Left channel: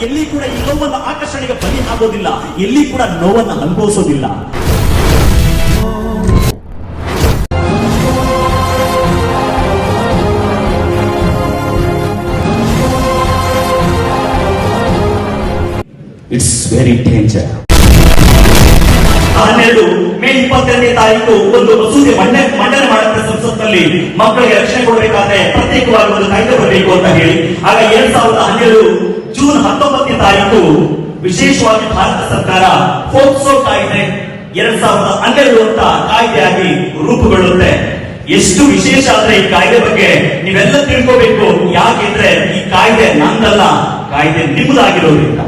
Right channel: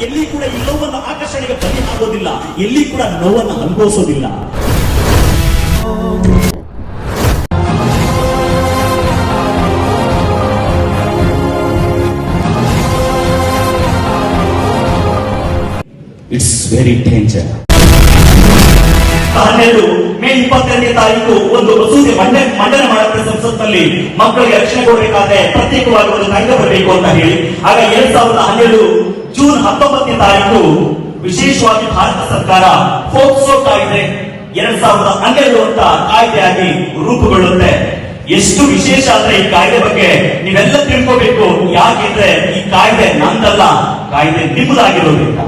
ಎಲ್ಲಿ ಕೂಡ ಈ ನೋವನ್ನು ಆಕರ್ಷಣೆಗೆ ಬಲಿ ಆಗೋದಿಲ್ಲ ಎಲ್ಲಿ ಕೂಡ ನೋವನ್ನು ಅನುಭವಿಸೋದಿಲ್ಲ ಇಟ್ಸ್ ವೆರಿ ಡೇಂಜರ್ ಹನ್ನೆರಡು ಮೇ ಇಪ್ಪತ್ತೆರಡನೇ ತಾರೀಕು ಒಂದು ಮಸೂದೆ ಮಂಡನೆ ಮಂಡನೆ ಮಾಡುತ್ತೆ ಸಂಸತ್ನಲ್ಲಿ ಮಕ್ಕಳಿಗೆ ರಕ್ಷಣೆ ಕೊಡಬೇಕಾದ್ರೆ ಪ್ರತ್ಯೇಕವಾಗಿ ಒಂದು ಕಾಯ್ದೆ ಬರಬೇಕು ಅಂತ ಹೇಳಿ. ಆಗ ಎರಡ್ ಸಾವಿರದ ಹನ್ನೆರಡು ಜೂನ್ ಹತ್ತೊಂಬತ್ತನೇ ತಾರೀಕು ವಿಶೇಷವಾಗಿ ಭಾರತ ಸರ್ಕಾರ ಫೋಕ್ಸೋ ಕಾಯ್ದೆ ಎರಡ್ ಸಾವಿರದ ಹನ್ನೆರಡು ಅಂತ ಕಾಯ್ದೆಯಾಗಿ ರೂಪುಗೊಳ್ಳುತ್ತೆ. ಎಷ್ಟು ವಿಶೇಷ ಅಂದ್ರೆ ಈ ಕಾಯ್ದೆ ಬಗ್ಗೆ ನೀವೆಲ್ಲ ತಿಳ್ಕೋಬೇಕು. ಯಾಕೆಂದ್ರೆ ಈ ಕಾಯ್ದೆ ನಂದಲ್ಲ, ಕಾಯ್ದೆ ನಿಮ್ಮದಾಗಿರೋದ್ರಿಂದ.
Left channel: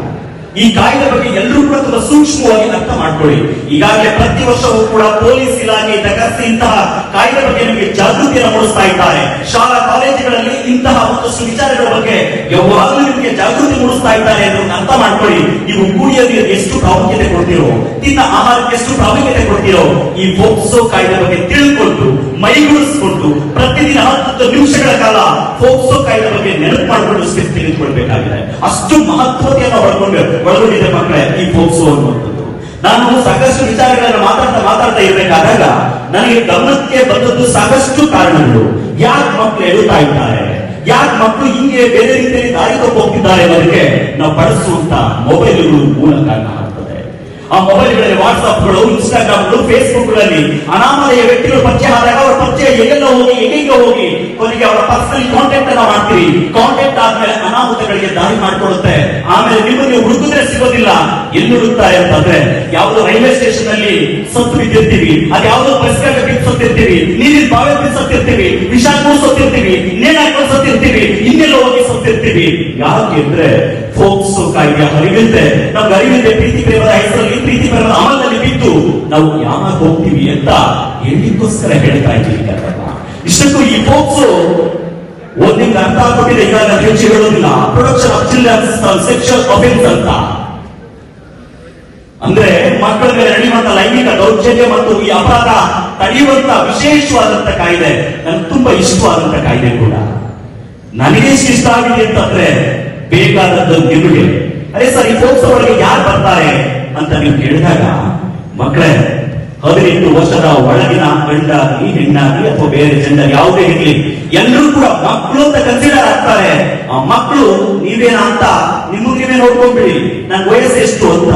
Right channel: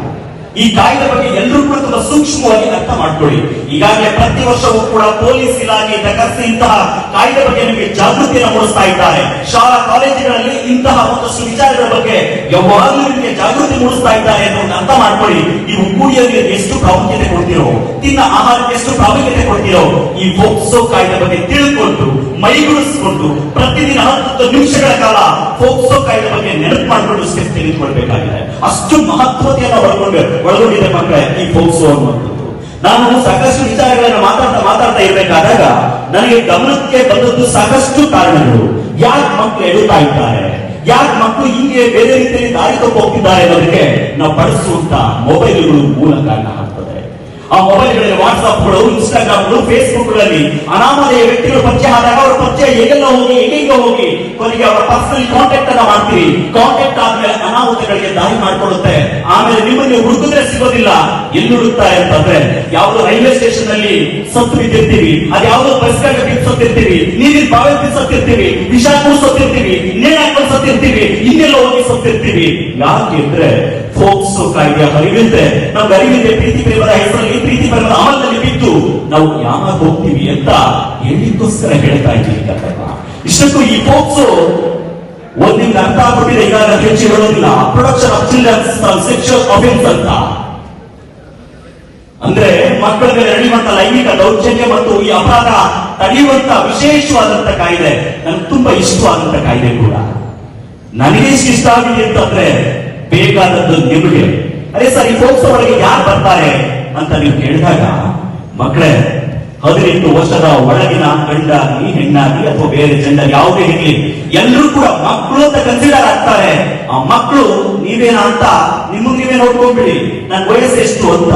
ಈ ಕಾಯ್ದೆ ಬಗ್ಗೆ ಎಲ್ಲರೂ ಕೂಡ ತುಂಬಾ ಸೂಕ್ಷ್ಮವಾಗಿ ಅರ್ಥ ಮಾಡ್ಕೊಳ್ಳಿ. ಈಗಾಗಲೇ ಪ್ರತಿ ವರ್ಷವೂ ಕೂಡ ಪೊಲೀಸ್ ಇಲಾಖೆ ತಗರ್ಸಿ ಇಂತಹ ಕಾಯ್ದೆ ಬಗ್ಗೆ ನಿಮಗೆ ಜಾಗೃತಿಯನ್ನು ಮೂಡಿಸ್ತಾ ಇದ್ದಾರೆ. ಶಾಲಾ ಕಾಲೇಜುಗಳಲ್ಲಿ ಇಂತಹ ಒಂದಷ್ಟು ವಿಚಾರಗಳ ಬಗ್ಗೆ ಯಾವಾಗಲೂ ನಿಮಗೆ ಜಾಗೃತಿ ಮೂಡಿಸ್ತಾ ಇದ್ದಾರೆ ಅಂತ ಅರ್ಥ ಮಾಡ್ಕೊಳ್ಳಿ. ನೀವು ಕುಡಿಯೋ ಎಷ್ಟು ಪ್ರಾಮುಖ್ಯತೆ ಕೊಡ್ತೀರೋ, ತಿನ್ನ ಆಹಾರಕ್ಕೆ ಎಷ್ಟು ಪ್ರಾಮುಖ್ಯತೆ ಕೊಡ್ತೀರೋ, ಈ ಫೋಕ್ಸೋ ಕಾಯ್ದೆ ಬಗ್ಗೆ ತಿಳ್ಕೊಂಡು, ಮೈಗೂಡಿಸಿಕೊಂಡು, ಪ್ರತಿದಿನ ಹತ್ತು ನಿಮಿಷಗಳ ಕಾಲ ಫೋಕ್ಸೋ ಕಾಯ್ದೆ ಬಗ್ಗೆ ನೆನಪು ಮಾಡಿಕೊಂಡು ಸ್ಟೆಪ್ ತೆಗೆದುಕೊಳ್ಬೇಕಾಗಿದೆ. ಅಷ್ಟು ಮಹತ್ವತೆಯನ್ನು ಒಳಗೊಂಡು ಒಳಗೊಂಡಿದೆ ಮಕ್ಕಳೇ, ಈ ಫೋಕ್ಸೋ ಅನ್ನುವಂಥದ್ದು. ನಾನು ಸಾಕಷ್ಟು ವಿಚಾರಗಳನ್ನು ಮಾತಾಡ್ತಾ ಮಾತಾಡ್ತಾ ಇರಬೇಕಾದಾಗ ನನಗೆ ಗಮನಕ್ಕೆ ಬಂದದ್ದು ಸಾಕಷ್ಟು ಕಾರಣಗಳು. ಯಾಕೆ ಮಕ್ಕಳು ಎಳುತ್ತಾ ಇದ್ದಾರೆ? ಯಾಕೆ ಮಕ್ಕಳು ಹಿಂಗೆ ಬೇರೆ ರೀತಿಯಲ್ಲಿ ದಾರಿ ತಪ್ಪು ಹೋಗ್ತಿದ್ದಾರೆ ಅನ್ನೋದಕ್ಕೆ ನಾವು ಬಳಸುವಂತ ಮೊಬೈಲ್ಗಳು ಮೂಲ ಕಾರಣ. ಆ ಮೊಬೈಲ್ಗಳಲ್ಲಿ ವಾಟ್ಸ್ಆಪ್ಗಳು ಇನ್ಸ್ಟಾಗ್ರಾಮ್ಗಳು ಫೇಸ್ಬುಕ್ಗಳಲ್ಲಿ ಅನಾಮಧೇಯ ವ್ಯಕ್ತಿಗಳು ಪರಿಚಯ ಆದಾಗ ಅವರ ಪರಿಚಯ ಎಲ್ಲೆಲ್ಲ ಹೋಗಿ ಎಲ್ಲಿಂಗ ಹೋಗಿ ಕೊನೆಗೆ ಅವರ ಪರ್ಸನಲ್ ಕಾಂಟ್ಯಾಕ್ಟ್ ಅನ್ನ ಮಾಡ್ತೀರಿ. ಕಾಂಟ್ಯಾಕ್ಟ್ ಆದ್ಮೇಲೆ ಅನಾಹುತಗಳಿಗೆ ದಾರಿ ಮಾಡಿಕೊಡುತ್ತೆ ಆಮೇಲೆ ನಿಮ್ಮನ್ನು ಹುಡುಕಿದ್ರೆ ಸಿಗೋದಿಲ್ಲ. ಎಲ್ಲಿ ಹುಡುಕ್ತಾ ಅಂತಂದ್ರೆ, ಯಾವ್ದು ರೈಲ್ವೆ ಸ್ಟೇಷನ್ ಅಲ್ಲಿ ಸತ್ತು ಬಿದ್ದಿರ್ತೀವಿ, ಅದು ಯಾವ್ದು ಪರಿಸರ ಸತ್ತಿರ್ತೀವಿ, ನೀರಿನ ಬಾವಿ ಸತ್ತಿರ್ತೀವಿ ವಿಷ ಸತ್ತಿರ್ತೀವಿ ನೇಣ್ ಹಾಕೊಂಡು ಸತ್ತಿರ್ತೀವಿ, ಇನ್ನೆಲ್ಲ ಹೋಗಿ ಸತ್ತಿರ್ತೀವಿ. ಯಾಕೆ ಅಂದ್ರೆ ಫೋಕ್ಸೋ ಕಾಯ್ದೆ ಅರಿವಿಲ್ಲದೆ ನಮ್ಗೆ ಅರಿವಿಲ್ಲದೆ ಪ್ರೀತಿ ಪ್ರೇಮದ ಹೆಸರಲ್ಲಿ ಪ್ರೀತಿ ಪ್ರೇಮದ ಅಮಲದಲ್ಲಿ ಬಿದ್ದು ನಾವು ಯಾವಾಗ ಹೋಗ್ತೀವಿ ಅಂತ ಹೇಳಿಕ್ಕೋಸ್ಕರ ಹೇಳ್ತಾ ಇದ್ದೀವಿ. ಇಷ್ಟಕ್ಕೂ ಈ ಪೋಕ್ಸ್ ಒಂದಿಂದ ಅರ್ಥ ಆಗ್ಬಿಟ್ಟಿದೆ. ಈಗ ನಾನು ಹೆಚ್ಚು ಹೇಳೋದಿಲ್ಲ. Production of childrens sexual offence ಅಂತ. ಅಂದ್ರೆ ಮಕ್ಕಳ ಮೇಲೆ ನಡೆಯುವಂತ ಲೈಂಗಿಕ ದೌರ್ಜನ್ಯ ಮತ್ತು ಈ ಅಪರಾಧ ತಡೆಯುವಂತ ವಿಶೇಷವಾದಂತ ಕಾಯ್ದೆ. ನನ್ಗೆ ತುಂಬಾ ಇಷ್ಟವಾದಂತ ಕಾಯ್ದೆ ಕೂಡ. ನನಗೆ ಇಷ್ಟ ಆಗಿದೆ ಅಂತಂದ್ರೆ ಬೇಕಾದದ್ದು ನಿಮಗೆ. ಅದೇ ಸರ್, ಈ ಸಂಸ್ಥೆ ಯಾರು ಬರ್ತಾರೆ ಅಂತ ನೀವು ಕೇಳಿದಾಗ, ಮಕ್ಕಳೇ, ಹದಿನೆಂಟು ವರ್ಷದ ಒಳಗಿನ ಗಂಡಾಗ್ಲಿ ಹೆಣ್ಣಾಗ್ಲಿ ಅಥವಾ ಬೇರೆ ಜೆಂಡರ್ ಯಾವುದೇ ಇರಲಿ, ಎಲ್ಲರೂ ಕೂಡ ಮಕ್ಕಳು ಅಂತ ಕನ್ಸಿಡರ್ ಆಗ್ತಾರೆ. ಆ ಮಕ್ಕಳು ನೀವೇನ ಅಂತ ನಿಮ್ಮ ನೀವೇ ನೋಡ್ಕೊಂಡ್ಬಿಡಿ. ನನ್ ವಯಸ್ಸು ಎಷ್ಟು ಅಂತ.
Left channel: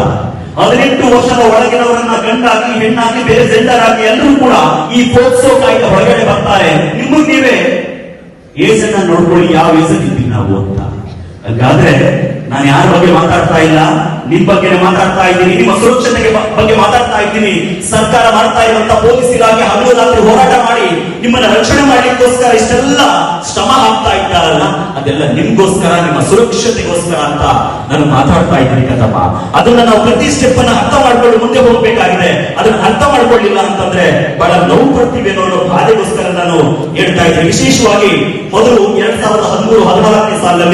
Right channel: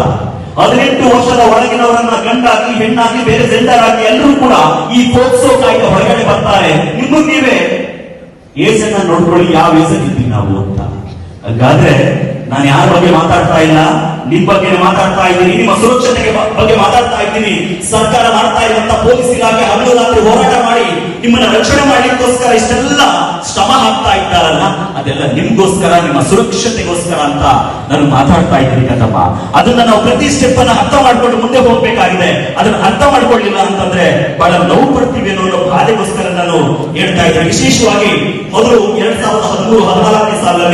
ಹದಿನೆಂಟು ವರ್ಷದ ಒಳಗಿನವರನ್ನ ಗಂಡಾಗಿ, ಹೆಣ್ಣಾಗಿ, ಬೇರೆ ಜೆಂಡರ್ ಆಗಿ ಎಲ್ಲರೂ ಕೂಡ ಈ ಫೋಕ್ಸೋ ಕಾಯ್ದೆ ಹೊರಗಡೆ ಬರ್ತಾರೆ. ನಿಮ್ಮ ನೀವೇ ಏಸನ್ನ ನೋಡ್ಕೊಳ್ಳಿ, ಯಾವ ಏಜಲ್ಲಿದ್ದೀವಿ ನಾವು ಅಂತ. ಹಾಗಾದ್ರೆ ನಾನು ಯಾರ ಬಗ್ಗೆ ಮಾತಾಡ್ತಾ ಇಲ್ಲ? ನಿಮ್ ಬಗ್ಗೆ ಮಾತಾಡ್ತಾ ಇದ್ದೀನಿ, ನಿಮ್ಮ ಸುರಕ್ಷತೆಗೆ ಬಗ್ಗೆ ಮಾತಾಡ್ತಾ ಇದ್ದೀನಿ. ಸರ್ಕಾರ ಮಾಡ್ತಾ ಇರುವಂತ ಪೊಲೀಸ್ ಇಲಾಖೆ ಹಗಲು ರಾತ್ರಿ ಹೋರಾಟ ಮಾಡಿ ನಿಮ್ಮನ್ನ ರಕ್ಷಣೆ ಮಾಡಲಿಕ್ಕೋಸ್ಕರ ಇಷ್ಟೆಲ್ಲ ಶ್ರಮ ಹಾಕ್ತಾ ಇದ್ದಾರಲ್ಲ, ಅದೆಲ್ಲ ನಿಮ್ಗೋಸ್ಕರ, ನಿಮ್ಮ ಸುರಕ್ಷತೆಗೋಸ್ಕರ ಅಂತ ನಾನು ಮಾತಾಡ್ತಾ ಇದ್ದೀನಿ ಕದಮ್ಮ ಅದನ್ನ ನಾವು ಪ್ರತಿ ಸ್ಟೆಪ್ ಅನ್ನ ಅರ್ಥ ಮಾಡ್ಕೊಂಡು ಮುಂದೆ ಹೋಗ್ಬೇಕಾಗಿದೆ. ಅದನ್ನ ಅರ್ಥ ಮಾಡ್ಕೊಳ್ಳಿಲ್ಲ ಅಂತಂದ್ರೆ ಬಹಳ ನೋವು ಪಡ್ತೀವಿ ಅನ್ನೋ ಬಾಧೆಗೋಸ್ಕರ ನಾನು ಹೇಳ್ತಾ ಇದ್ದೀನಿ. ವಿಶೇಷವಾಗಿ ಮೊದಲು ಎರಡ್ ಸಾವಿರದ ಹದಿಮೂರು ಹದಿನಾಲ್ಕನೇ ಸಾವಿರ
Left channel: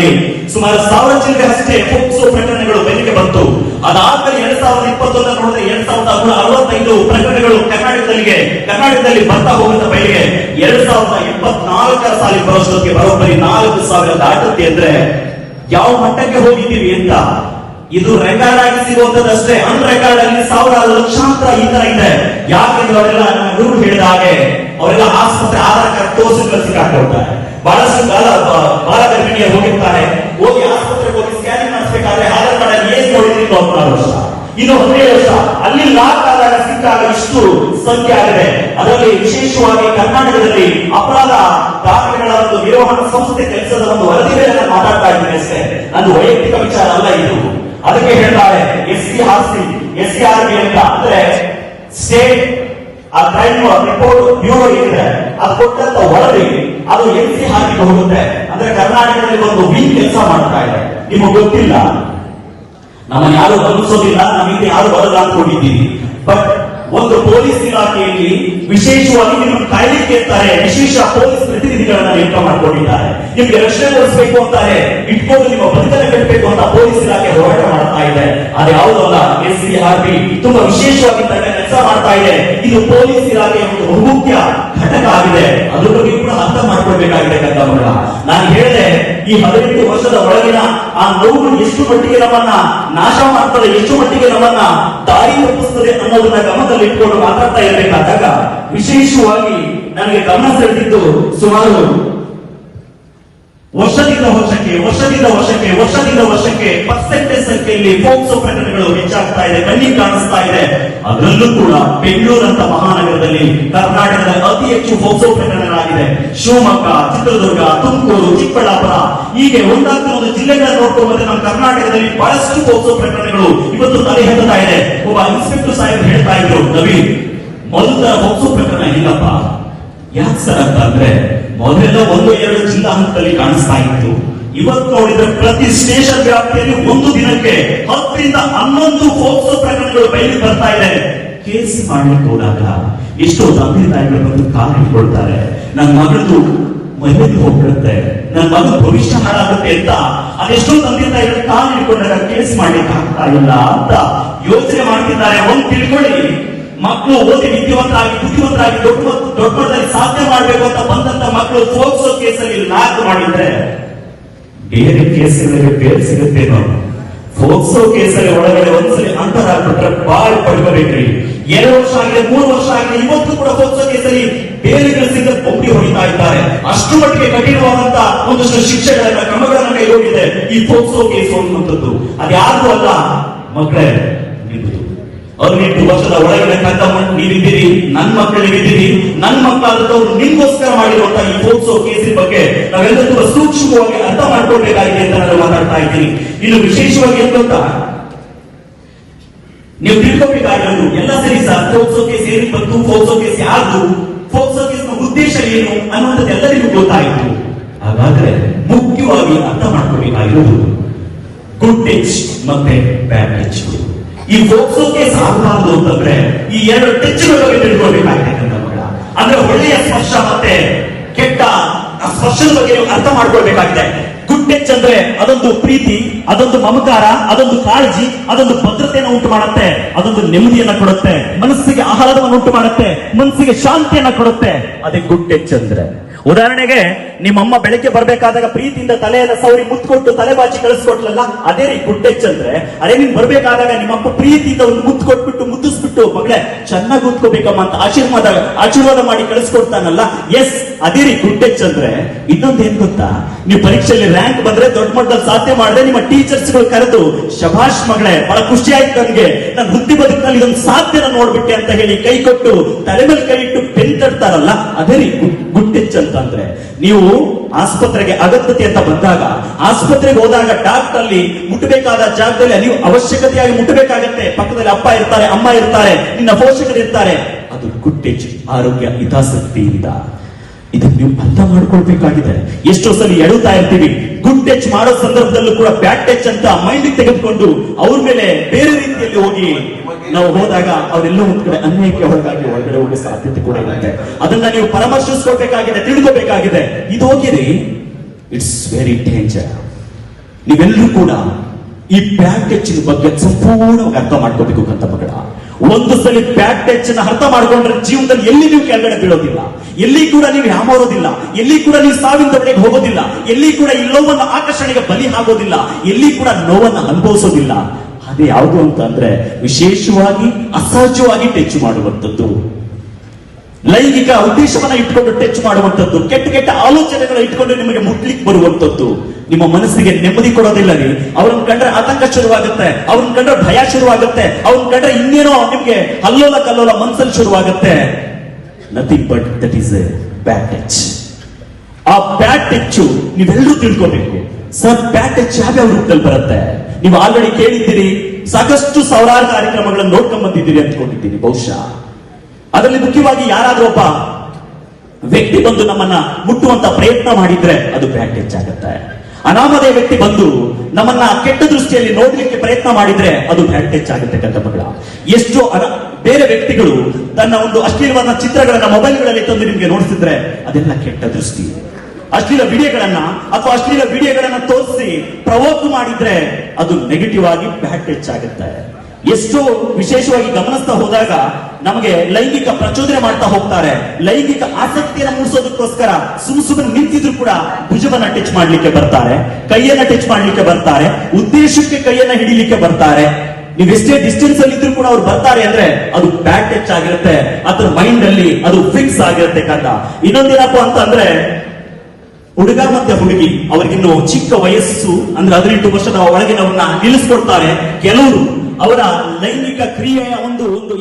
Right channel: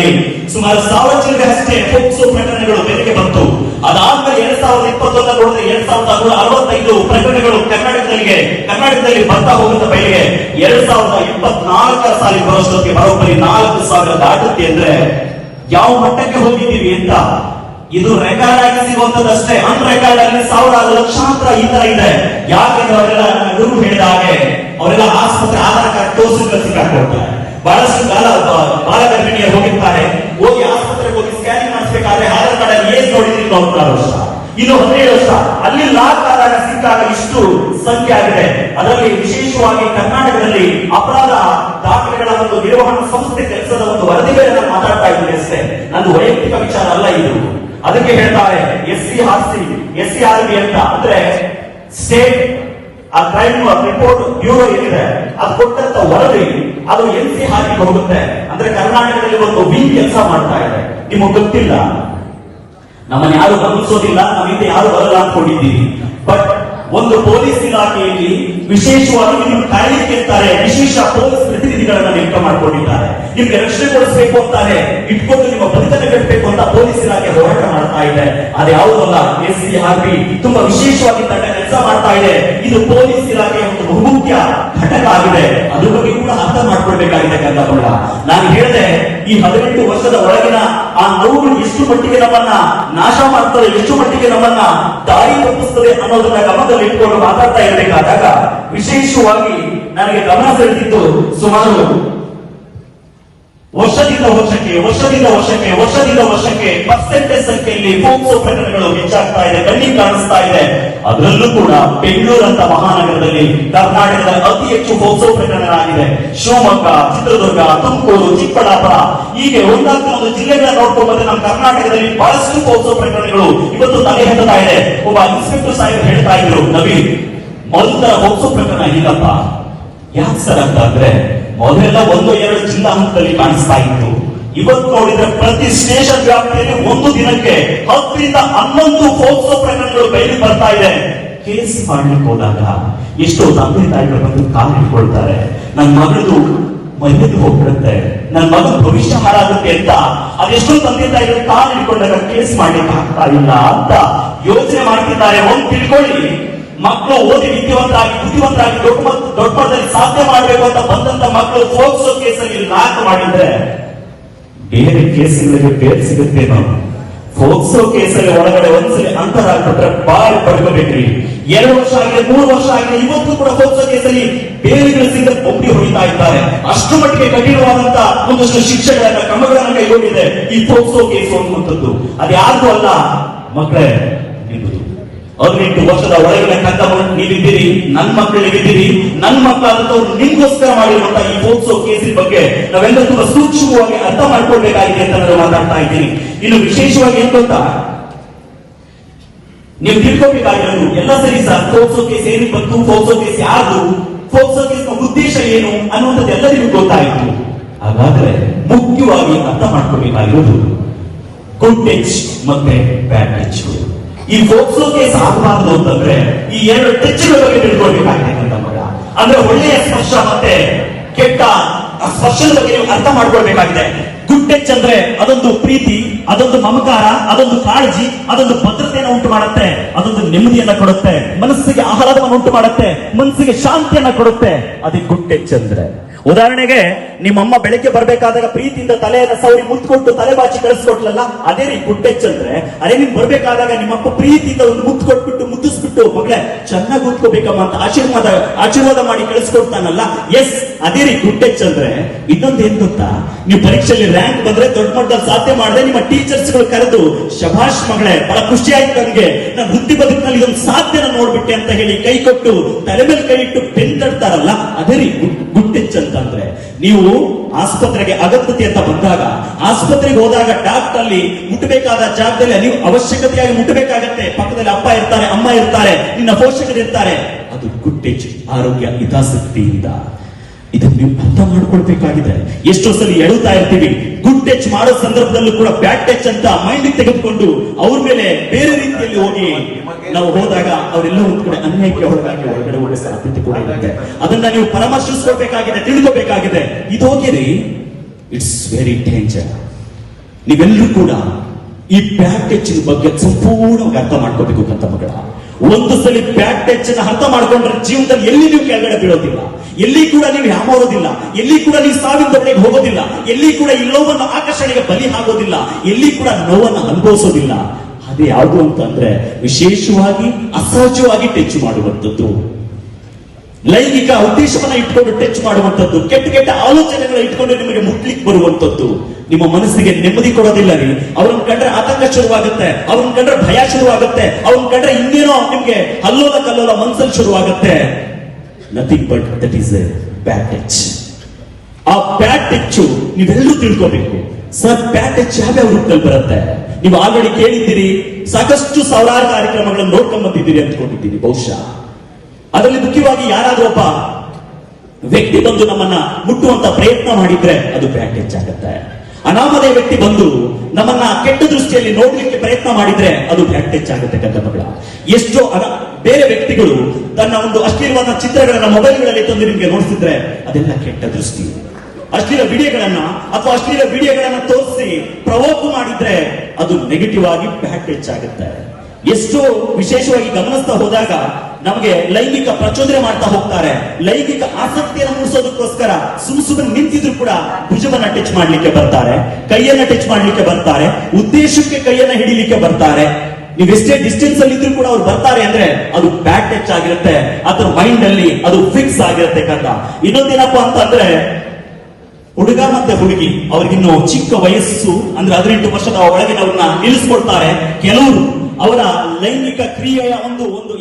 ಅಷ್ಟೇ ಫೋಕ್ಸೋ ಪ್ರಕರಣಗಳು ಬಂತು. ಅದಾದ್ಮೇಲೆ ಎರಡ್ ಸಾವಿರದ ಇಪ್ಪತ್ತೊಂದ ನೋಡಿದ್ರೆ ಎರಡ್ ಸಾವಿರದ ನೂರ ಅರವತ್ತೈದು ಪ್ರಕರಣಗಳು ಕರ್ನಾಟಕದಲ್ಲಿ ಕರ್ನಾಟಕದಲ್ಲಿ ಬರ್ತಾ ಹೋಗುತ್ತ ಬೆಲೆಗೆ ಎರಡ್ ಸಾವಿರದ ಇಪ್ಪತ್ನಾಲ್ಕರ ಸಾಲಿನ ಬರೋಷ್ಟೊತ್ತಿಗೆ ಬರೋಬ್ಬರಿ ನಾಲ್ಕು ಸಾವಿರ ದಾಟುತ್ತೆ ಅಂದ್ರೆ ಯಾವ ಮಟ್ಟಕ್ಕೆ ಹೋಗಿದ್ದೀವಿ ಅಂತ? ಇದು ರೆಕಾರ್ಡ್ ಆಗಿ ಸಿಗುವಂತದಷ್ಟೇ ಅನ್ ರೆಕಾರ್ಡ್ ಆಗಿ ಸಾವಿರಾರು ಲಕ್ಷಾಂತರ ಈ ತರ ಇದೆ. ಯಾಕೆಂದ್ರೆ ಅವರೆಲ್ಲ ಗುರು ಹೇಳಿದ ಹಾಗೆ, ಅವರೆಲ್ಲ ಆಸ್ಪತ್ರೆ ಆಧಾರ ಕಾರ್ಡ್ ತೋರಿಸಿದ್ರೆ ಸಿಕ್ಕಾಕೊಳ್ತಾರೆ ಬಹಳಷ್ಟು ಬಾಲ ಗರ್ಭಿಣಿಯರು ಹೋಗಿರ್ತಾರೆ. ಹೋಗಿ ಆಸ್ಪತ್ರೆಗೆ ಹೋಗಿ ಹಾಗಾದ್ರೆ ಏನ್ ನೋಡಿದ್ರಿ ಹದಿನಾರು ವರ್ಷ. ಇನ್ನು ವರ್ಷ. ಅಲ್ಲಿ ಲಾಕ್ ಆದಾಗ ಸಿಕ್ಕಾಗ ಇಷ್ಟು ಸಂಖ್ಯೆ ಆಗಿದೆ. ಅದರಲ್ಲಿ ವಿಶೇಷವಾಗಿ ಕರ್ನಾಟಕದಲ್ಲಿ ಅಪರಾಧ ದಾಖಲೆಗಳ ಒಂದು ನಿರ್ವಹಣಾ ಸಂಸ್ಥೆ ಕೆಲಸದ ಒಂದು ವರದಿಗಳನ್ನು ಮಾತಾಡ್ತಾ ಇದ್ದೀನಿ ಸರ್ ಅದು ವೈಯಕ್ತಿಕ ವಿಚಾರ ಅಲ್ಲ ಇದು. ಅದಕ್ಕೆ ಹೇಳ್ತಾರೆ S C R C S C R B ಅಂತ. ಅಂದ್ರೆ ಸ್ಟೇಟ್ ಆ ಕ್ರೈಮ್ ರಿಪೋರ್ಟ್ ಬ್ಯೂರೋ ಇದೆ. ಅದು ಕೊಟ್ಟಂತ ವರದಿ, ಅದು ಎನ್ ಸಿ ಹಾಕಿ ಹೋಗುತ್ತೆ. ಅಂದ್ರೆ ಕರ್ನಾಟಕದಲ್ಲಿ ಒಂದು ವೀಕ್ ಕೆಲಸ ಮಾಡ್ತಾ ಇದೆ. ನಿಮಗೆ ಗೊತ್ತಿಲ್ಲ. ನಮ್ಮ ಯಾರು ಬಂಧಿಸೋದಿಲ್ಲ ನಮಗೆ ಯಾರು ಬರಲ್ಲ ಅನ್ಕೊಂಡಿದ್ದೀವಿ ಬಟ್ ಒಂದು ಪೊಲೀಸ್ ಇಲಾಖೆಯಲ್ಲಿ ವಿಶೇಷವಾಗಿ ನಿಮ್ಮ ಕಾಯ್ಲಿಕ್ಕೆ ಇರ್ತಾರೆ ವಿಶೇಷ ಪೊಲೀಸ್ ಪ್ರತಿನಿಧಿಗಳನ್ನ ನೇಮಕ ಮಾಡಿಕೊಂಡಿದ್ದಾರೆ. ನಿಮ್ಗೆ ರಕ್ಷಣೆ ಕೊಡಿಸಬೇಕು ಅಂತಾನೆ ಇಟ್ಕೊಂಡು ನಿಮ್ಮ ಬಂಧನ ಕಟ್ಟಬೇಕು ಅಂತ ಪೊಲೀಸ್ ಇಲಾಖೆ ಹೋರಾಟ ಮಾಡ್ತಾ ಇದೆ. ಅದು ಯಾವುದಲ್ಲ ಎಸ್ ಸಿ ಆರ್ ಪಿ ತುಂಬಾ ವಿಶೇಷವಾಗಿ ತನ್ನ ಕೆಲಸ ಮಾಡ್ತಾ ಇದೆ. ಇದು ಪೊಲೀಸ್ ಇಲಾಖೆಯ ಒಂದು ಬಹುಮುಖ್ಯ ಆಗಿದೆ. ಅದ್ರ ಬಗ್ಗೆ ಕೂಡ ಅರ್ಥ ಮಾಡ್ಕೊಳ್ಬೇಕಾಗಿದೆ ಕನ್ನಡ ನಾನು ಹೇಳಿದೆ, ಈ ಹದಿನೆಂಟು ವರ್ಷದ ಒಳಗಿನ ಆ ನೋವು ಎಷ್ಟು ಮಟ್ಟಿಗೆ ನಮ್ಮನ್ನ ನಾಶ ಮಾಡ್ತದೆ, ಎಷ್ಟು ಮಟ್ಟಿಗೆ ನಮ್ಮನ್ನ ದಾರಿ ತಪ್ಪಿಸ್ತದೆ ಅನ್ನೋದನ್ನ ಗಮನದಲ್ಲಿ ಇಟ್ಕೊಂಡು ಮಾತಾಡ್ತಾ ಇರಬೇಕಾದಾಗ, ವಿಶೇಷವಾಗಿ ನನಗೆ ಗಮನ ಸೆಳೆದಿದ್ದು ಸುಮಾರು ವರ್ಷದಿಂದ ವರ್ಷಕ್ಕೆ ವರ್ಷದಿಂದ ವರ್ಷಕ್ಕೆ ವರ್ಷದಿಂದ ವರ್ಷಕ್ಕೆ ಪರ್ಸೆಂಟೇಜ್ ಸಂಖ್ಯೆಯಲ್ಲಿ ಫೋಕ್ಸೋ ಪ್ರಕರಣಗಳು ಹೆಚ್ಚಾಗ್ತಾ ಇದೆ ಕಣ್ಣಿ ಕಾಣಿಸ್ತಾ ಇದೆ. ಅದರಲ್ಲೂ ಕೂಡ ಬೆಂಗಳೂರಂತ ಮಹಾನಗರದಲ್ಲಿ ಕರ್ನಾಟಕದ ಅತಿ ಹೆಚ್ಚು ಫೋಕ್ಸೋ ಪ್ರಕರಣಗಳಾಗಿದೆ. ಶಿವಮೊಗ್ಗ, ಚಿತ್ರದುರ್ಗ, ತುಮಕೂರು, ಚಿಕ್ಕಬಳ್ಳಾಪುರ, ಹೀಗೆ ಒಂದಾಗ್ತಾ ಒಂದು ಜಿಲ್ಲೆಗಳ ನೋಡ್ಕೊಂಡು ಬಂದ್ರೆ ನಮ್ಮ ಕರ್ನಾಟಕದಲ್ಲಿ ಬಹಳಷ್ಟು ಫೋಕ್ಸೋ ಪ್ರಕರಣಗಳು ಇವತ್ತು ತಲೆ ಎತ್ತುತ್ತಾ ಇದೆ. ಒಬ್ಬ ಇನ್ಸ್ಪೆಕ್ಟರ್ ಸಾಹೇಬ್ ಹೇಳ್ತಾ ಇದ್ರು, ನವೀನ್, ಮೊದಲ ಫೋಕ್ಸೋ ಪ್ರಕರಣ ಇಲ್ಲಪ್ಪ. ಯಾಕೆ ಸರ್ ಅಂತ ಅಂದ್ರೆ ಮೊದಲೆಲ್ಲ ಒಂದು ಎರಡು ಜಿಲ್ಲಾ ಹಂತದಲ್ಲಿ ಕಾಣಿಸ್ತಾ ಇತ್ತು. ಇವತ್ತು ನೋಡಿದ್ರೆ ಪ್ರತಿ ಸ್ಟೇಷನ್ ವ್ಯಾಪ್ತಿಯಲ್ಲಿ ಒಂದು ದಿನಕ್ಕೆ ಹತ್ತರಿಂದ ಹನ್ನೊಂದು ಫೋಕ್ಸೋ ಪ್ರಕರಣಗಳು ಬಯಲು ಬರ್ತಾ ಇದೆ. ಕೇಸ್ ಮಾಡ್ಲಿಕ್ಕೆ ಹೋದಾಗ ಎಷ್ಟೋ ತಂದೆ ತಾಯಿಗಳು ಬಂದು ಕಾಲು ಹಿಡ್ಕೊಳ್ತಾರೆ. ನನ್ನ ಮಗಳದು ಮನೆಗೆ ಹೋಗ್ಬಿಡುತ್ತೆ. ನನ್ನ ಮಗು ಭವಿಷ್ಯ ಹಾಳಾಗುತ್ತೆ ಅಂತ. ಅದೆಷ್ಟೋ ತಂದೆ ತಾಯಿಗಳು ಕಾಲು ಹಿಡ್ಕೊಂಡಾಗ ಕೇಸ್ ಮಾಡ್ಲಿಕ್ಕೆ ಆಗ್ತಾ ಇಲ್ಲ ಅಂತ ಯೋಚನೆ ಮಾಡ್ತಿದ್ದಾರೆ. ಒಂದು ತಿಳ್ಕೊಳ್ಳಿ. ಮಕ್ಕಳು ಓದಿ ವಿದ್ಯಾವಂತರಾಗಿ, ಬುದ್ಧಿವಂತರಾಗಿ ದೊಡ್ಡ ದೊಡ್ಡ ಮಟ್ಟದಲ್ಲಿ ಸಾಧನೆ ಮಾಡಬೇಕು ಅಂತ ಬಂದಂತ ಮಕ್ಕಳು ಫೋಕ್ಸೋ ಕೇಸಲ್ಲಿ ಲಾಕ್ ಮಾಡಿದ್ರೆ ಬೇರೆ ಕೇಸ್ಗಳಿಗೆ ಬೇರೆ ಸಿಗುತ್ತೆ ಫೋಕ್ಸೋ ಕೇಸಲ್ಲಿ ಒಳಗಡೆ ಒಂದ್ಸಲಿ ಅಂತರ ಆಗ್ಬಿಟ್ರೆ ಬಾಳ್ ಪಡ್ಕೋಬೇಕ್ರಿ ಎರಡು ವರ್ಷ ಆಗಿದೆ ಮೂರು ವರ್ಷ ಆಗಿದೆ ಇವತ್ತು ಕೂಡ ಫೋಕ್ಸೋ ಕೇಸಲ್ಲಿ ಬೇರೆ ಕೆಲಸದಿಂದ ಬೊಂಬಿ ಹೊಡಿತಾ ಇದ್ದಾರೆ. ಅಷ್ಟು ಮಟ್ಟಿಗೆ ಕಠಿಣವಾದಂತ ಒಂದಷ್ಟು ಶಿಕ್ಷೆಗಳನ್ನ, ಕ್ರಮಗಳನ್ನ ಕೈಗೊಂಡಿದೆ ಈ ಫೋಕ್ಸೋ ಕೇಸ್ ಅನ್ನುವಂಥದ್ದು. ಅದ್ಯಾರು ಅಲ್ಲ, ಮಕ್ಕಳೇ ನಿಮ್ಮದು ಹದಿನೆಂಟು ವರ್ಷದ ಒಳಗಿನ ಕಂದ ನೀವಿದ್ದೀರಿ ನನ್ನ ಮಕ್ಕಳಿಗಿದ್ದೀರಿ ನನ್ನ ಮಕ್ಕಳಾದಂತವ್ರು ನಿಮ್ಗೋಸ್ಕರ ಮಾಡಿರುವಂತ ಈ ಪೋಕ್ಸೋ ಕೇಸಿನ ಬಗ್ಗೆ ನಾವೆಲ್ಲರೂ ಕೂಡ ಸೂಕ್ಷ್ಮವಾಗಿ ಅರ್ಥ ಮಾಡ್ಕೊಳ್ಬೇಕಾಗಿದೆ ಅಂತ ನಾನು ಮಾತಾಡ್ತಾ ಇದ್ದೀನಿ. ಇನ್ನು ವಿಶೇಷವಾಗಿ ಎಂತ ಗೊತ್ತಾ? ನೀವು ತಿಳ್ಕೊಬೇಕಾಗಿರೋದು ಎಲ್ಲ ಸರಿ ಸರ್, ಪೋಕ್ಸೋ ಕೇಸ್ ಏನಿಗೆ ಬಂತು ಪೋಕ್ಸೋ ಕೇಸ್ ಯಾರು ಪೋಕ್ಸೋ ಕೇಸ್ ಉದ್ದೇಶ ಏನು ಅನ್ನುವಂಥದ್ದು ಎಲ್ಲರಿಗೂ ಗೊತ್ತಾಯಿತು. ಹಾಗಾದ್ರೆ ಮುಖ್ಯವಾಗಿ ಅರ್ಥ ಮಾಡ್ಕೊಳ್ಬೇಕಾಗಿರೋದು ಗುಡ್ ಟಚ್ ಮತ್ತೆ ಬ್ಯಾಡ್ ಈ ಫೋಕ್ಸೋ ಕೇಸ್ ಆಗಬಾರದು ಅಂತಂದ್ರೆ ಈ ಎರಡು ಟಚ್ಗಳ ಬಗ್ಗೆ ತಿಳ್ಕೊಳ್ಬೇಕಾಗಿದೆ ಮಗ. ಅಂದ್ರೆ ಒಳ್ಳೆಯ ಸ್ಪರ್ಶ ಮತ್ತೆ ಕೆಟ್ಟ ಸ್ಪರ್ಶದ ಬಗ್ಗೆ ಅರ್ಥ ಮಾಡ್ಕೊಳ್ಬೇಕಾಗಿದೆ ಗುಡ್ ಅಂದ್ರೆ ಅದೊಂದು ಪ್ರೀತಿ, ಅದೊಂದು ಮಮಕಾರ, ಅದೊಂದು ಕಾಳಜಿ, ಅದೊಂದು ಭದ್ರತೆಯನ್ನು ಉಂಟು ಮಾಡುತ್ತೆ. ಅದೊಂದು ನೆಮ್ಮದಿಯನ್ನ ಕೊಡುತ್ತೆ. ಮನಸ್ಸಿಗೆ ಆಹ್ಲಾದವನ್ನು ಉಂಟು ಮಾಡುತ್ತೆ. ಮನಸ್ಸಿಗೆ ಶಾಂತಿಯನ್ನ ಕೊಡುತ್ತೆ. ಅದೇ ಗುಡ್ ಟಚ್ ಅಂದ್ರೆ ಉದಾಹರಣೆಗೆ, ನಿಮ್ಮಮ್ಮ ಬೆಳಗ್ಗೆ ಬರ್ಬೇಕಾದಾಗ ಪ್ರೀತಿಯಿಂದ ತಲೆಯನ್ನ ಸೌರಿ ಮುತ್ಕೊಟ್ಟು ತಲೆ ಬಾಚಿ ಕಳಿಸ್ಕೊಟ್ಲಲ್ಲ, ಅದೇ ರೀ ಗುಡ್ ಅದೇ ನೀನ್ ಬರ್ಬೇಕಾದಾಗ ನಿಮ್ಮಪ್ಪ ಪ್ರೀತಿಯಿಂದ ಒಂದು ಮುತ್ತು ಕೊಟ್ಬಿಟ್ಟು ಮುದ್ದಿಸ್ಬಿಟ್ಟು, ಮಗಳೇ, ಚೆನ್ನಾಗಿ ಉತ್ಕೋಬೇಕಮ್ಮ ಅಂತ ಆಶೀರ್ವಾದ ಆಶೀರ್ವಾದ ಮಾಡಿ ಕಳಿಸ್ಕೊಡ್ತಾನಲ್ಲ. ಎಸ್ ಅದೇ ರೀ ಗುಡ್ ಟಚ್ ಅಂದ್ರೆ ಇನ್ನೊಂದು ಏನ್ ಗೊತ್ತಾ? ನೀವು ಪರೀಕ್ಷೆಯಲ್ಲಿ ರ್ಯಾಂಕ್ ಬಂದ್ರೆ ದೊಡ್ಡ ಮಟ್ಟದಲ್ಲಿ ಸಾಧ್ಯ ಮಾಡಿದೆ ನಿಮ್ಮ ಟೀಚರ್ಸ್ಗಳು ಕರೆದು, ಶಭಾಷ್ ಮಗಳೇ, ಬಹಳ ಖುಷಿ ಆಯ್ತು ನನಗೆ. ನನ್ನ ವೃತ್ತಿ ಬದುಕಿನಲ್ಲಿ ಇದೊಂದು ಸಾಧ್ಯನ ನೋಡ್ಬಿಟ್ಟೆ ಅಂತ ಹೇಳಿ ಕೈ ಕೊಟ್ಟು, ತಲೆ ಮೇಲೆ ಕೈ ಇಟ್ಟು ಪೆನ್ ತಡ್ತಾರಲ್ಲ ಅದೇ ರೀ ಗುಡ್ ಟಚ್ ಅಂತ ಅಂದ್ರೆ. ನೀವು ಆಸ್ಪತ್ರೆಗೆ ಅಗತ್ಯತೆ ಅಂತ ಬಂದಾಗ, ಆಸ್ಪತ್ರೆಗೆ ಹೋದಾಗ ಡಾಕ್ಟರ್ ಅಲ್ಲಿ ಮುಟ್ಟಬೇಕಾದ ಜಾಗದಲ್ಲಿ ನೀವು ಅವಶ್ಯಕತೆಯಾಗಿ ಮುಟ್ಟಬೇಕಾಗತ್ತೆ ಪಕ್ಕದಲ್ಲಿ ಅಪ್ಪ ಇರ್ತಾರೆ, ಅಮ್ಮ ಇರ್ತಾರೆ, ನಿನ್ನ ಪೋಷಕರು ಇರ್ತಾರೆ ಅದು ಗುಡ್ ಟಚ್, ಆರೋಗ್ಯ ಹಿತಾಸಕ್ತಿಯಿಂದ. ಇದನ್ನ ನೀವು ಅರ್ಥ ಮಾಡ್ಕೊಳ್ಬೇಕಾಗಿದೆ. ಎಷ್ಟೋ ಸಲ ಎಳುತ್ತಾ ಇರ್ತೀವಿ. ಗುಡ್ ಟಚ್ ಮಾಡೋ ಸಂದರ್ಭದಲ್ಲೂ ಕೂಡ ಬ್ಯಾಡ್ ಟಚ್ ಅಂತ ಮೈಂಡ್ ತೆಗೆದುಕೊಂಡು ಅವ್ರ ಮೇಲೆ ಬೇರೆ ರೀತಿಯಲ್ಲಿ ಹೋಗಿ ನಾವು ಹೋದಾಗ ಅವರೆಲ್ಲ ಒಂದ್ ಕಡೆ ಅನ್ಯಾಯಕ್ಕೆ ಹೊರಗಾಗಿ ಒಳಗಡೆ ಹೋಗೋ ಸಾಧ್ಯತೆ ಕೂಡ ಇರುತ್ತೆ. ಅದನ್ನ ನೀವು ಪರಾಮರ್ಶಿಸ್ಕೊಳ್ಬೇಕಾಗಿದೆ ತಿಳ್ಕೋಬೇಕಾಗಿದೆ ಇದು ಹೋಗಿರಿ. ಇಟ್ಸ್ ವೆರಿ ಡೇಂಜರ್ ನೀವೆಲ್ಲರೂ ಕೂಡ ಈ ಪ್ಯಾಕೇಜಿನ ಬಗ್ಗೆ ಸಂಪೂರ್ಣವಾಗಿ ಅರ್ಥ ಮಾಡ್ಕೋಬೇಕು ಅಂತ ಮಗಳ. ಒಂದು ಸಲ ಪ್ಯಾಕೇಜ್ ಅರ್ಥ ಮಾಡ್ಕೊಂಡ್ರೆ ಜೀವನದಲ್ಲಿ ಎಲ್ಲಿ ನೀವು ಕೆಳಗಡೆ ಬೀಳೋದಿಲ್ಲ? ಎಲ್ಲಿ ಕೂಡ ನೀವು ಯಾಮೋರೋದಿಲ್ಲ ಎಲ್ಲಿ ಕೂಡ ನೀವು ಸಾವಿನ ದೊಡ್ಡೆಗೆ ಹೋಗೋದಿಲ್ಲ? ಎಲ್ಲಿ ಕೂಡ ಈ ಆಕರ್ಷಣೆಗೆ ಬಲಿ ಆಗೋದಿಲ್ಲ ಎಲ್ಲಿ ಕೂಡ ನೋವನ್ನ ಅನುಭವಿಸೋದಿಲ್ಲ? ಅದೇ ಯಾವುದು ಅಂತ ಅಂದ್ರೆ ವಿಶೇಷವಾಗಿ, ಅಸಹಜವಾಗಿ ಟಚ್ ಮಾಡುವಂಥದ್ದು. ಲೈಂಗಿಕ ಉದ್ದೇಶವನ್ನ ಇಟ್ಕೊಂಡು ಟಚ್ ಮಾಡುವಂತದ್ದು ಕೆಟ್ಟ ಕೆಟ್ಟ ಆಲೋಚನೆಗಳನ್ನ ಇಟ್ಕೊಂಡು ನಿಮಗೆ ಮುಟ್ಲಿಕ್ಕೆ ಬರುವಂತದ್ದು ನಿಮ್ಮ ಮನಸ್ಸಿಗೆ ನೆಮ್ಮದಿ ಕೊಡೋದಿಲ್ಲ ರೀ. ಅವ್ರನ್ನ ಕಂಡ್ರೆ ಆತಂಕ ಶುರುವಾಗುತ್ತೆ, ಅವ್ರನ್ನ ಕಂಡ್ರೆ ಭಯ ಶುರುವಾಗುತ್ತೆ, ಅವ್ರನ್ನ ಕಂಡ್ರೆ ಇನ್ನೇನೋ ನಿಮ್ಗೆ ಅಲ್ಲೋಲ ಕಲ್ಲೋಲ ಮನಸ್ಸಲ್ಲಿ ಶುರುವಾಗುತ್ತೆ. Nothing but that is a bad a bad ನೀವೆಲ್ಲರೂ ತಿಳ್ಕೋಬೇಕು. ಸರ್ ಬ್ಯಾಡ್ ಟಚ್ ಯಾವ್ಯಾವ ರೂಪದಲ್ಲಿ ಬರುತ್ತೆ? ನೀವು ಆಲ್ರೆಡಿ ಕೇಳಿದ್ದೀರಿ, ಸಾಕಷ್ಟು ಸಾವಿರಾರು ಕಾರ್ಯಕ್ರಮಗಳನ್ನು ನೋಡ್ಕೊಂಡ್ ಬಂದಿದ್ದೀರಿ ಅಂದ್ಕೊಂಡಿದ್ದೀನಿ ಬಹುಶಃ. ಅದರಲ್ಲಿ ಮುಖ್ಯವಾಗಿ ಯಾರಾದ್ರೂ ಒಬ್ಬ ವ್ಯಕ್ತಿ ಬಂದು ನಮ್ಮನ್ನ ಮುಟ್ಟುವಂತ ಪ್ರಯತ್ನ ಮಾಡಿದ್ರೆ ಅದು ಟಚ್ ಆಗುತ್ತೆ. ಅನಾಮಧೇಯ ವ್ಯಕ್ತಿ ಬಂದು ನಮ್ಮನ್ನ ಕೆಟ್ಟ ದೃಷ್ಟಿಯಲ್ಲಿ ನೋಡ್ಲಿಕ್ಕೆ ಪ್ರಯತ್ನ ಮಾಡಿದ್ರೆ ಅದು ಬ್ಯಾಡ್ ಟಚ್ ಆಗುತ್ತೆ ಕನ್ನಡ ಎಷ್ಟೋ ಅನ, ಬೇರೆ ವ್ಯಕ್ತಿಗಳು ತನ್ನ ಒಂದು ಅಶ್ಲೀಲವಾದ ಚಿತ್ರಗಳನ್ನ ಮೊಬೈಲ್ಗಳಲ್ಲಿ ತಂದು ನಿಮ್ಗೆ ನೋಡಿಸಿದ್ರೆ ಅದೆಲ್ಲ ಕೆಟ್ಟ ದೃಷ್ಟಿ. ಅಶ್ಲೀಲ ವಿಡಿಯೋಗಳನ್ನ ಅಥವಾ ಅಶ್ಲೀಲ ವಿಡಿಯೋಗಳನ್ನ ತೋರಿಸಿ ಪ್ರವೋಕ್ ಮಾಡಿದ್ರೆ ಅದು ನೆಗೆಟಿವ್ ಆಗಿ ಬ್ಯಾಡ್ ಟಚ್ ಆಗುತ್ತೆ ಎಷ್ಟೋ ವಿಶೇಷವಾಗಿ ಗಮನಿಸ್ತಾ ಹೋದಾಗ ನಮಗೆ ಲೈಂಗಿಕ ಪ್ರಚೋದನೆ ಮಾಡ್ತಾ ಹೋಗ್ತಾರೆ. ಲೈಂಗಿಕ ಆಸಕ್ತಿಯನ್ನು ಮೂಡಿಸೋದಕ್ಕೋಸ್ಕರ ಸುಮ್ ಸುಮ್ಮನೆ ನಿಂತಿದ್ರು ಕೂಡ ಭುಜವನ್ನ ಟಚ್ ಮಾಡ್ಲಿಕ್ಕೆ ಬರ್ತಾರೆ. ಕೈಯನ್ನ ಟಚ್ ಮಾಡ್ಲಿಕ್ಕೆ ಬರ್ತಾರೆ. ಉದ್ದೇಶಕ್ಕೆ ಕೈಯನ್ನ ಹಿಡಿಲಿಕ್ಕೆ ಬರ್ತಾರೆ. ನೀವು ಎಷ್ಟೇ ಡಿಸ್ಟೆನ್ಸ್ ಅಲ್ಲಿ ಇದ್ರೂ ಕೂಡ ಅವ್ರು ಬರ್ತಾರೆ ಅಂದ್ರೆ ಅದು ಬ್ಯಾಡ್ ಟಚ್ ಆಗಿರುತ್ತೆ. ಅದ್ರ ಮೈಂಡ್ ಅಲ್ಲಿ ಅದು ಫಿಕ್ಸ್ ಆಗಿರುತ್ತೆ ಕಂದ ಇನ್ನೊಂದೇನಪ್ಪ ಅಂತ ಅಂದ್ರೆ ಹುಡುಗ ಮತ್ತೆ ಹುಡುಗಿ, ಅವ್ರಿಗಿನ್ನು ಚಿಕ್ಕ ವಯಸ್ಸು ಅಂದ್ರೆ ಹದಿನೆಂಟು ವರ್ಷದ ಒಳಗಿನವ್ರನ್ನ ನಿಲ್ಲಿಸ್ಕೊಡ್ತಾರೆ. ಕೆಲವರು ಅವರ ಲೈಂಗಿಕ ಕ್ರಿಯೆಯ ಒಂದು ಒಂದು